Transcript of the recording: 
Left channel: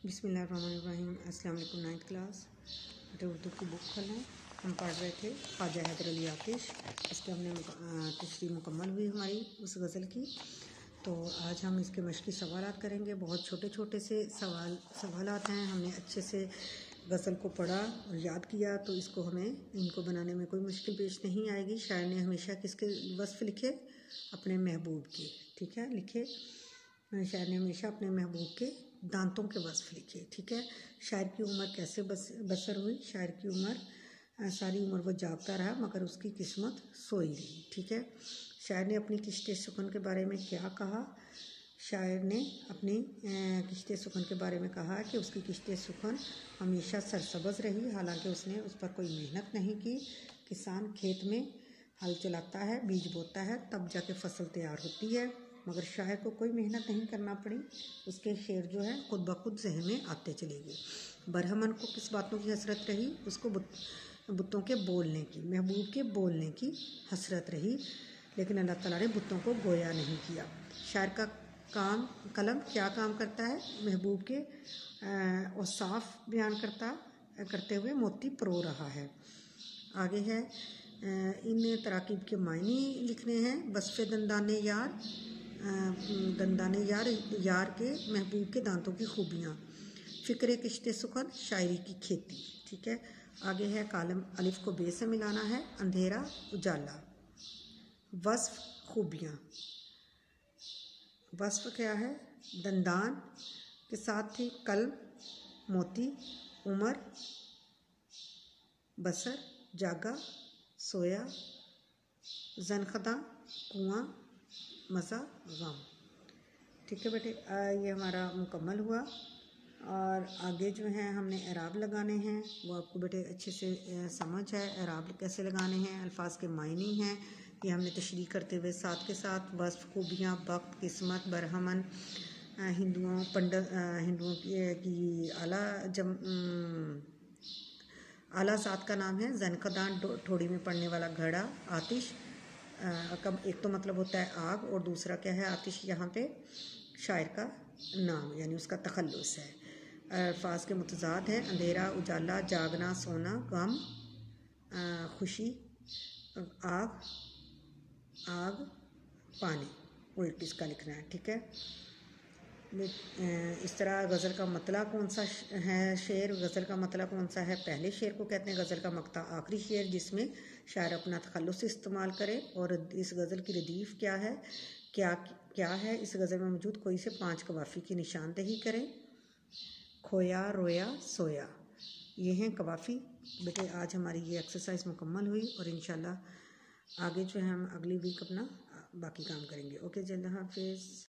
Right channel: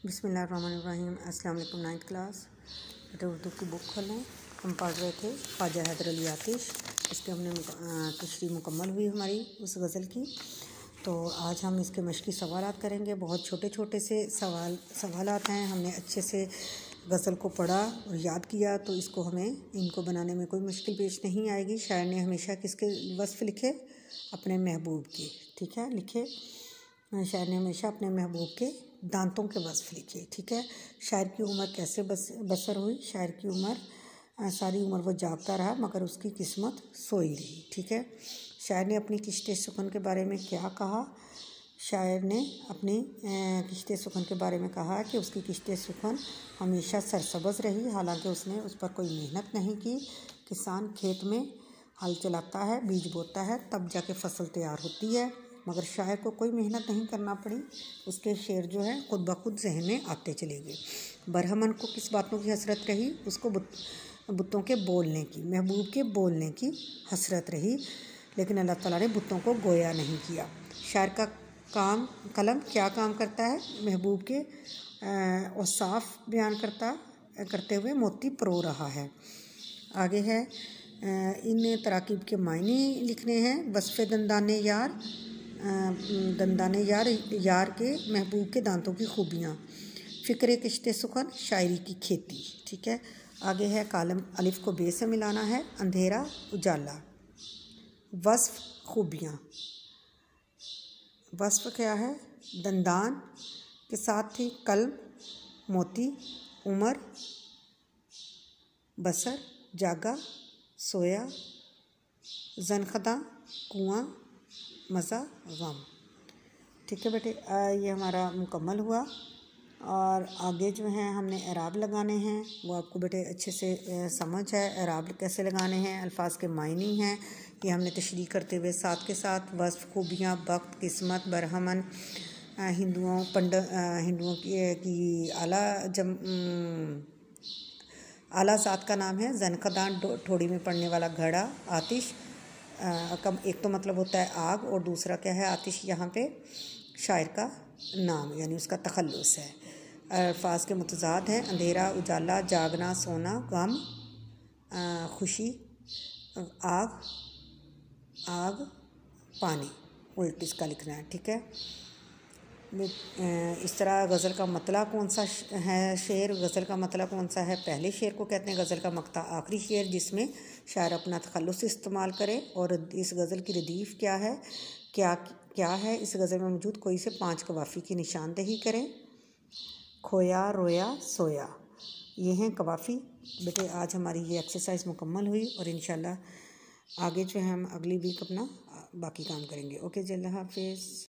बिस्मिल्लाहिर्रहमानिर्रहीम। अस्सलाम वालेकुम। 9th क्लास बेटा उर्दू की बुक खोलें। हम पढ़ रहे थे ख्वाजा हैदर अली आतिश। इसकी हमने तशरीह मुकम्मल हुई हमारी उस गज़ल की। तो आज हम इसके मशक़ी सवालात करेंगे। बहुत छोटे छोटे से सवालात हैं। हमने अच्छे से गज़ल को पढ़ा और याद किया तो इसको हमें इनको बनाने में कोई मुश्किल पेश नहीं आएगी। शायर ने हमेशा किसके वस्फ़ लिखे? अपने महबूब के। ठीक है, लिखे। शायर ने हमेशा अपने महबूब के दांतों के वस्फ़ लिखे। ठीक है। शायर की उम्र कैसे बसर हुई? शायर की उम्र सारी उम्र वो जागता रहा मगर उसकी किस्मत सोई रही। ठीक है। शायर ने अपनी किश्ते सुखन के बारे में क्या कहा? शायर ने अपनी किश्ते सुखन के बारे में कहा कि उसकी किश्ते सुखन हमेशा सरसब्ज़ रही, हालांकि उसने उस पर कोई मेहनत नहीं की। किसान खेत में हल चलाता है, बीज बोता है, तब जाके फसल तैयार होती है, मगर शायर को कोई मेहनत नहीं करना पड़ी। उसके शेर जो है खुद ब खुद जहन में आते चले गए। बरहमन को किस बातों की हसरत रही? उसको बुतों के बोलने की, महबूब के बोलने की हसरत रही, लेकिन अल्लाह ताला ने बुतों को गोया नहीं किया। शायर का कलम क्या काम करता है? महबूब के औसाफ बयान करते हुए मोती परो रहा है। आगे है इन तराकीब के मायने लिखने हैं। वस्फ़े दंदाने यार के महबूब के दांतों की खूबियाँ। फ़िक्र किश्ते सुखन, शायरी की खेती। ठीक है। आगे है कालम अलिफ को बे से मिलाना है। अंधेरा उजाला। वस्फ़ खूबियाँ। वस्फ़ क्या है? दंदान के साथ थी कलम, मोती, उमर, बसर, जागा, सोया, ज़नख़दा, कुआं, मज़ा, गम। ठीक है बेटे, ये हमारा मुकम्मल हुआ। और आगे जो है हमने एराब लगाने हैं, वो आपको बेटे अच्छे से समझ है। एराब कैसे लगाने हैं, अल्फाज के मायने हैं, ये हमने तशरीह करते हुए साथ के साथ वस्फ़ खूबियाँ, वक्त, किस्मत, बरहमन, हिंदुओं की आला ज़ात का नाम है। ज़नख़दान ठोड़ी में पड़ने वाला घड़ा। आतिश का एक तो मतलब होता है आग, और दूसरा क्या है? आतिश यहाँ पे शायर का नाम यानी उसका तखल्लुस है। अल्फाज के मुतज़ाद हैं। अंधेरा उजाला, जागना सोना, गम खुशी, आग पानी, उल्ट इसका लिखना है। ठीक है। इस तरह गज़ल का मतला कौन सा है? शेर गज़ल का मतला कौन सा है? पहले शेर को कहते हैं गज़ल का मक्ता, आखिरी शेर जिसमें शायर अपना तखल्लुस इस्तेमाल करे। और इस गज़ल की रदीफ़ क्या है? क्या है इस गज़ल में मौजूद? कोई से 5 कवाफ़ी की निशानदेही करें। खोया, रोया, सोया, ये हैं कवाफ़ी। बेटे आज हमारी ये एक्सरसाइज मुकम्मल हुई और इंशाल्लाह आगे जो है हम अगली वीक अपना बाकी काम करेंगे। ओके जी, अल्लाह हाफ़िज़।